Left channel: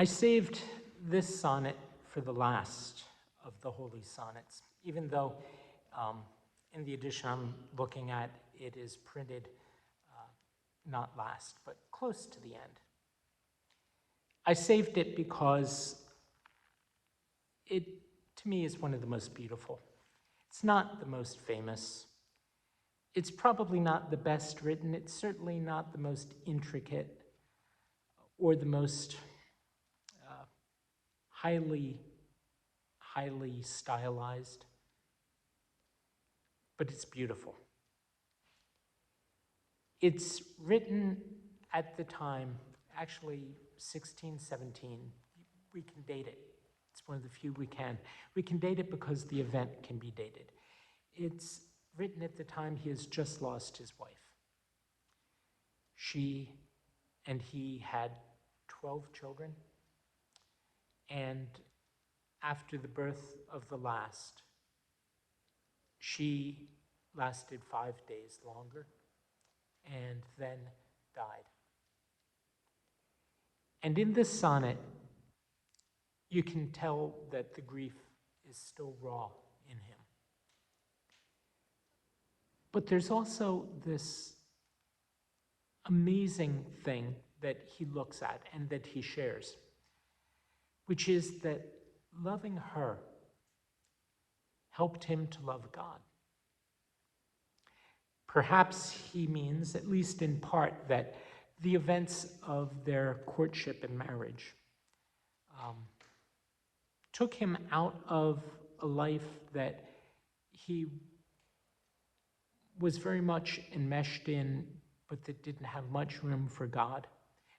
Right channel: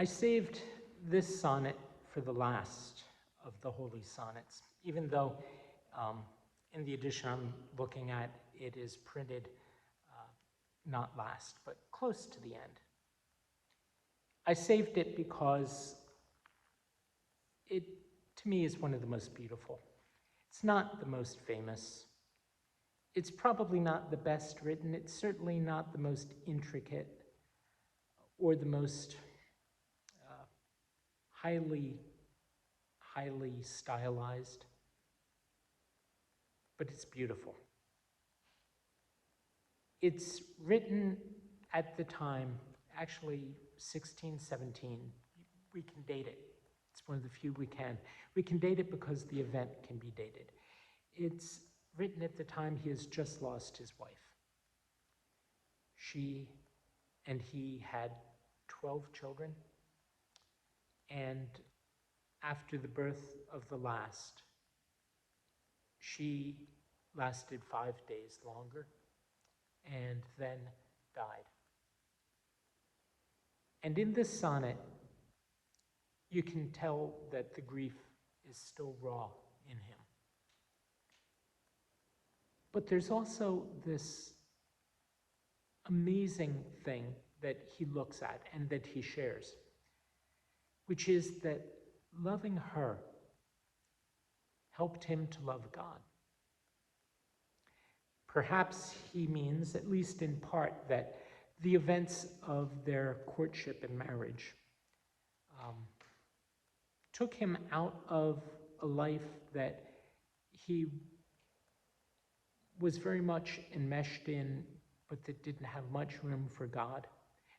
I saved this sonnet for the last of the holy sonnets, even though in the edition I'm looking at, it is printed not last, but close to the end. I saved it because it, to me, is one of the most beautiful. It's not the most famous. It's probably not the best written. It's certainly not the most intricate or the most highly stylized, but it's beautiful. It's written at the time, actually 1617. We can date it. It's one of the few we can. We can date it because the event can be dated. It's written at the time he has just lost his wife. She and he had 12 children, and after the birth of the last, she lasted 5 days longer and then died. And in this sonnet, you can tell that the grief is still raw in him. But there's also this amazing thing that he looks at and that he shares, which is that loving her helped him to love God. Perhaps he means, at least in part, that the events of their courtship and marriage took him out of a life that he was very much enmeshed in, but that didn't have much room for God,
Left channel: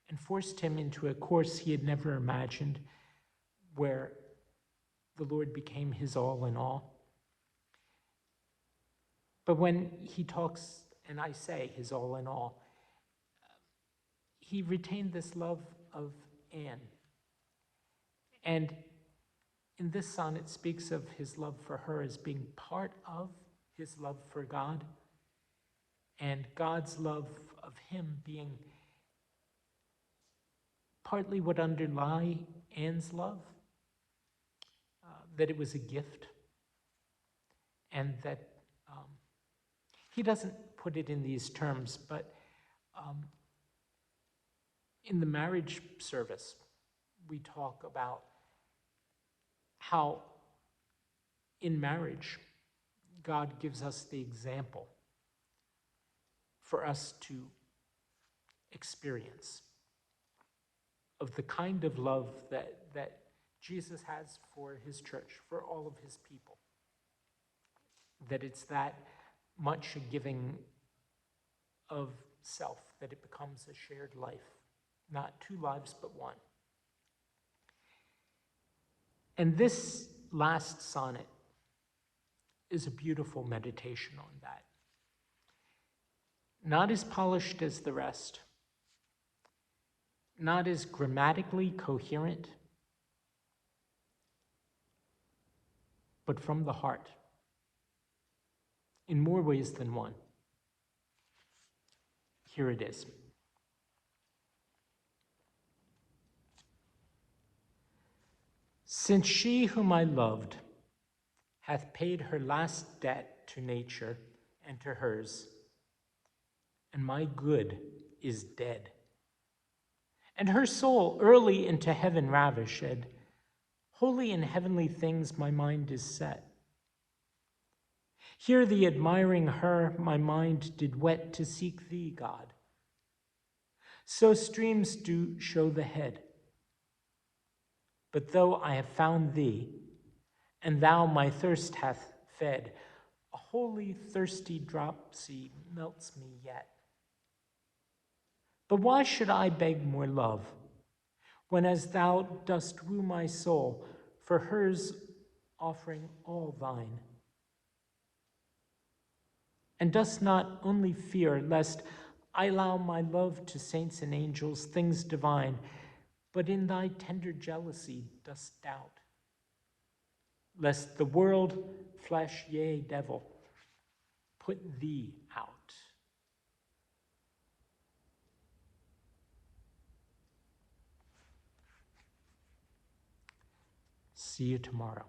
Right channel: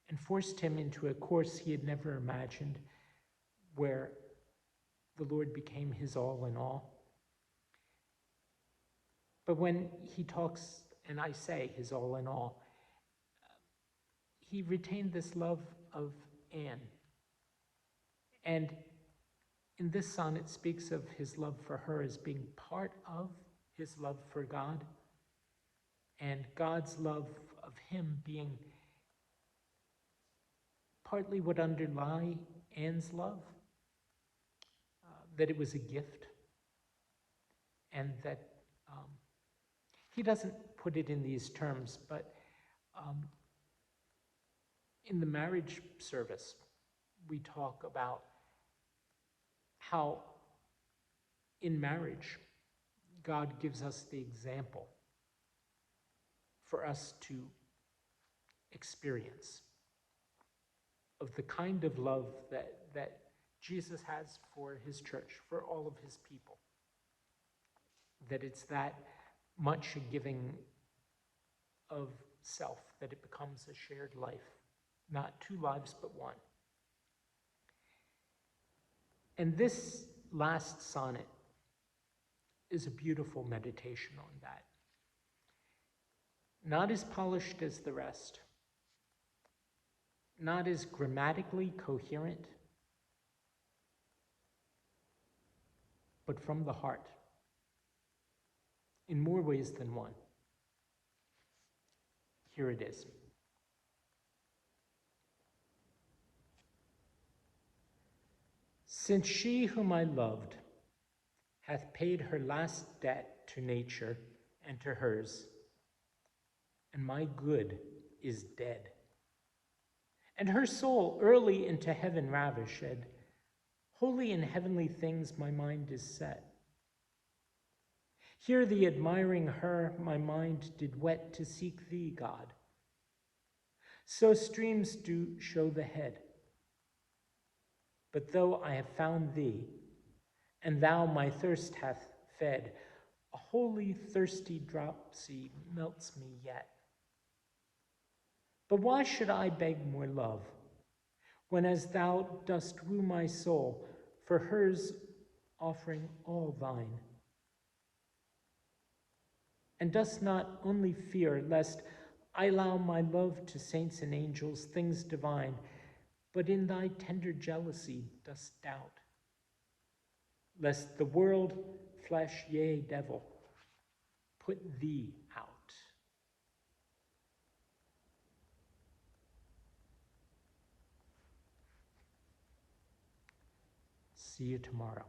and forced him into a course he had never imagined, where the Lord became his all in all. But when he talks, and I say his all in all, he retained this love of Anne. And in this sonnet speaks of his love for her as being part of his love for God, and God's love of him being partly what underlie Anne's love, that it was a gift, and that he doesn't put it in these terms, but in the marriage service, we talk about how in marriage, God gives us the example for us to experience of the kind of love that Jesus has for his church, for all of his people. That it's that much a giving of self, that it becomes a shared life, not two lives, but one. And this last sonnet is a beautiful meditation on that. Not as polished as the rest, not as grammatically coherent, but from the heart, in more ways than one. Here it is. Since she whom I loved hath paid her last debt to nature and to hers, and my good is dead, and her soul early into heaven ravished, holy in heavenly things my mind is set. Here the admiring her my mind did wet to seek thee, God. So streams do show the head. But though I have found thee, and thou my thirst hath fed, a holy thirsty dropsy melts me yet. But why should I beg more love, when as thou dost woo my soul, for hers offering all thine? And dost not only fear, lest I allow my love to saints and angels, things divine, but in thy tender jealousy dost doubt, lest the world, flesh, yea, devil, put thee out. See you tomorrow.